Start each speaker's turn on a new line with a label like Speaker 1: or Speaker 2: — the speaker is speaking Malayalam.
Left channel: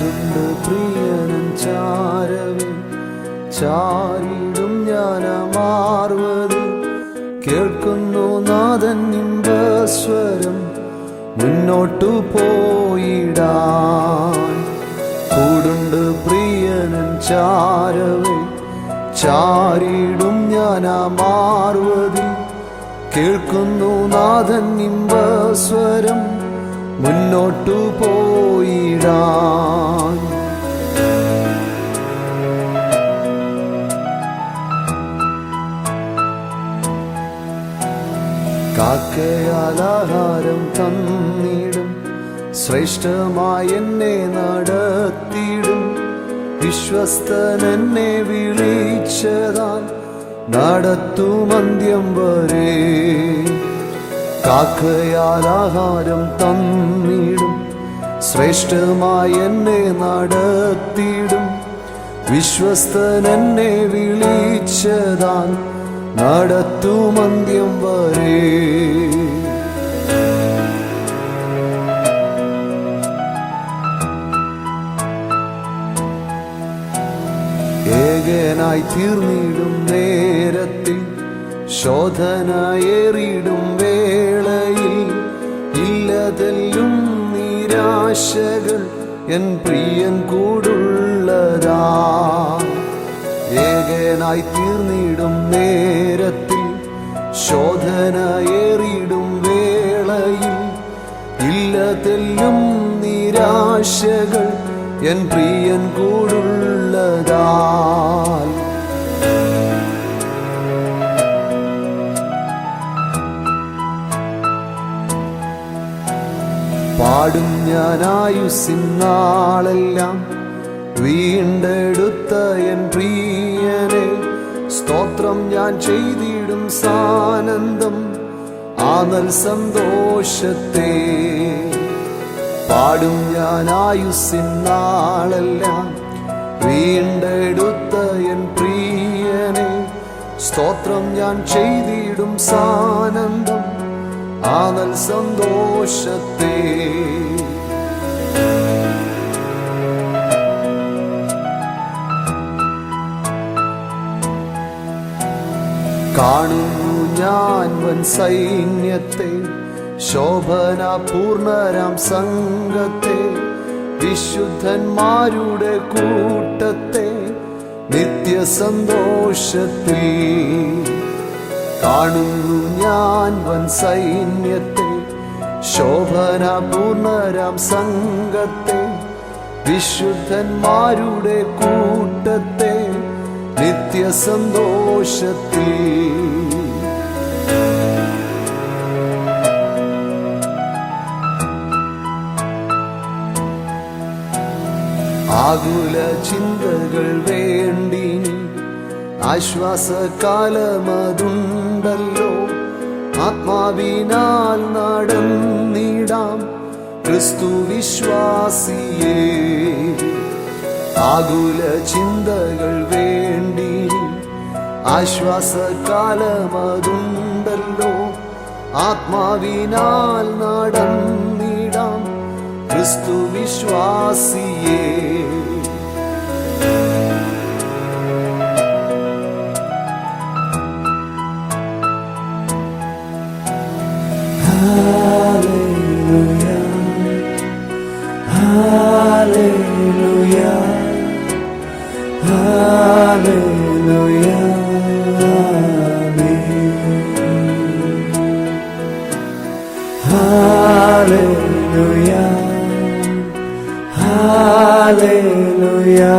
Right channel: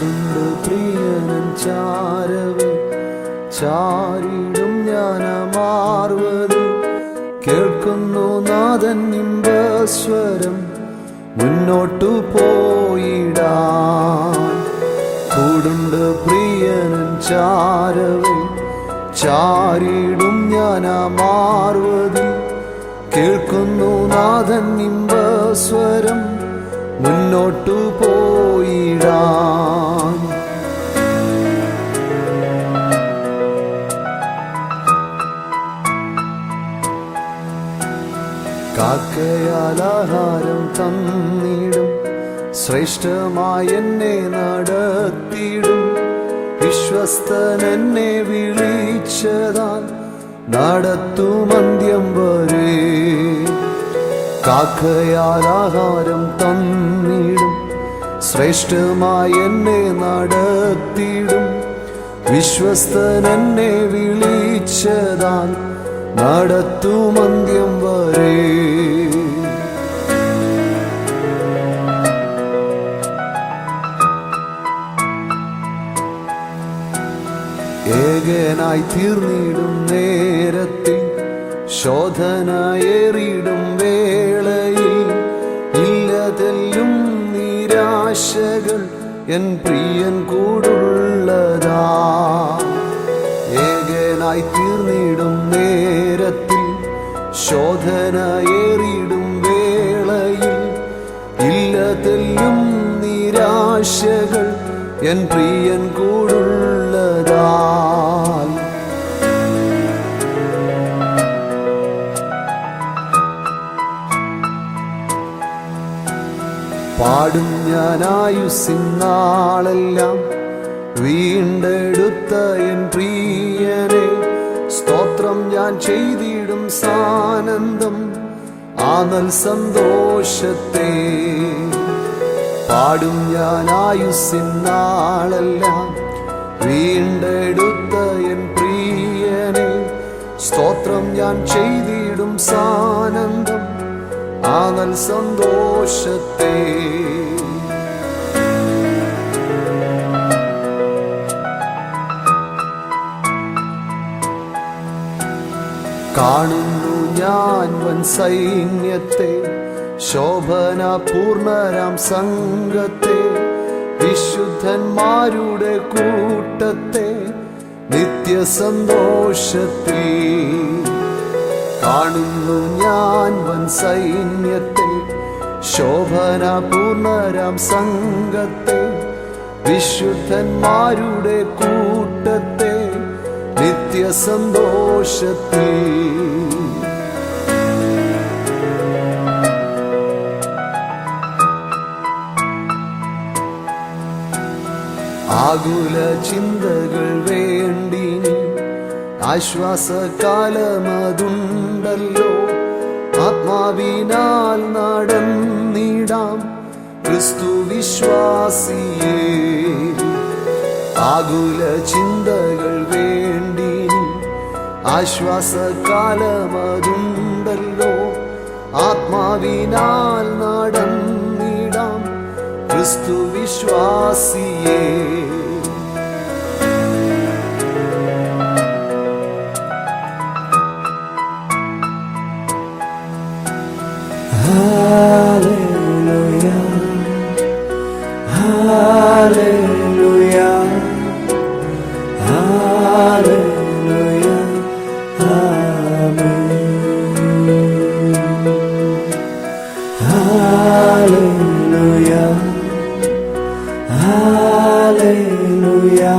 Speaker 1: ചാരുണ്ട് പ്രിയനൻ ചാരവേ. ചാരിടും ജ്ഞാനമാർവതിൽ കേൾക്കുന്നു നാഥൻ ഇമ്പസ്വരം മുന്നോട്ടു പോയിടാൻ. കൂടുണ്ട് പ്രിയനൻ ചാരവേ. ചാരിടും ജ്ഞാനമാർവതിൽ കേൾക്കുന്നു നാഥൻ ഇമ്പസ്വരം മുന്നോട്ടു പോയിടാൻ. കാക്കയാലാഹാരം തന്നിടും ശ്രേഷ്ഠമായി എന്നെ നടത്തിയിടും വിശ്വസ്തൻ എന്നെ വിളിച്ചതാൽ നടത്തുമന്ത്യം വരെ. കാക്കയാലാഹാരം തന്നിടും. ശ്രേഷ്ഠമായി എന്നെ നടത്തിയിടും വിശ്വസ്തൻ എന്നെ വിളിച്ചതാൽ നടത്തുമന്ത്യം വരെ. ഏകനായി തീർന്നിടും നേരത്തിൽ ശോധനയേറിടും വേളയിൽ ഇല്ലതെല്ലും നിരാശകൾ എൻ പ്രിയൻ കൂടുള്ളതാ. ഏകനായി തീർന്നിടും നേരത്തിൽ ശോധനയേറിടും വേളയിൽ ഇല്ലതെല്ലും നിരാശകൾ എൻ പ്രിയൻ കൂടുള്ളതാൽ. പാടും ഞാൻ ആയുസിന്നാളെല്ലാം വീണ്ടെടുത്ത എൻ പ്രിയനെ സ്തോത്രം ഞാൻ ചെയ്തിടും സാനന്ദം. ആനൽ സന്തോഷത്തെ പാടും ഞാൻ ആയുസിന്നാളെല്ലാം വീണ്ടെടുത്ത എൻ പ്രിയനെ സ്തോത്രം ഞാൻ ചെയ്തിടും സാനന്ദം. ആനൽ സന്തോഷത്തെ. കാണുന്നു ഞാൻ വൻ സൈന്യത്തെ ശോഭന പൂർണരാം സംഘത്തെ വിശുദ്ധന്മാരുടെ കൂട്ടത്തെ നിത്യസന്തോഷത്തിൽ. കാണുന്നു ഞാൻ വൻ സൈന്യത്തെ. ശോഭന പൂർണരാം സംഘത്തെ. വിശുദ്ധന്മാരുടെ കൂട്ടത്തെ നിത്യസന്തോഷത്തിൽ. ആകുല ചിന്തകൾ വേണ്ടിനി ആശ്വാസകാലമതുണ്ടല്ലോ. ആത്മാവിനാൽ നടന്നിടാം ക്രിസ്തു വിശ്വാസിയേ ആകുല ചിന്തകൾ വേണ്ടി ആശ്വാസകാലമതുണ്ടല്ലോ. ആത്മാവിനാൽ നടന്നിടാം ക്രിസ്തു വിശ്വാസിയേ Hallelujah, Hallelujah, Hallelujah, Amen.
Speaker 2: Hallelujah, Hallelujah.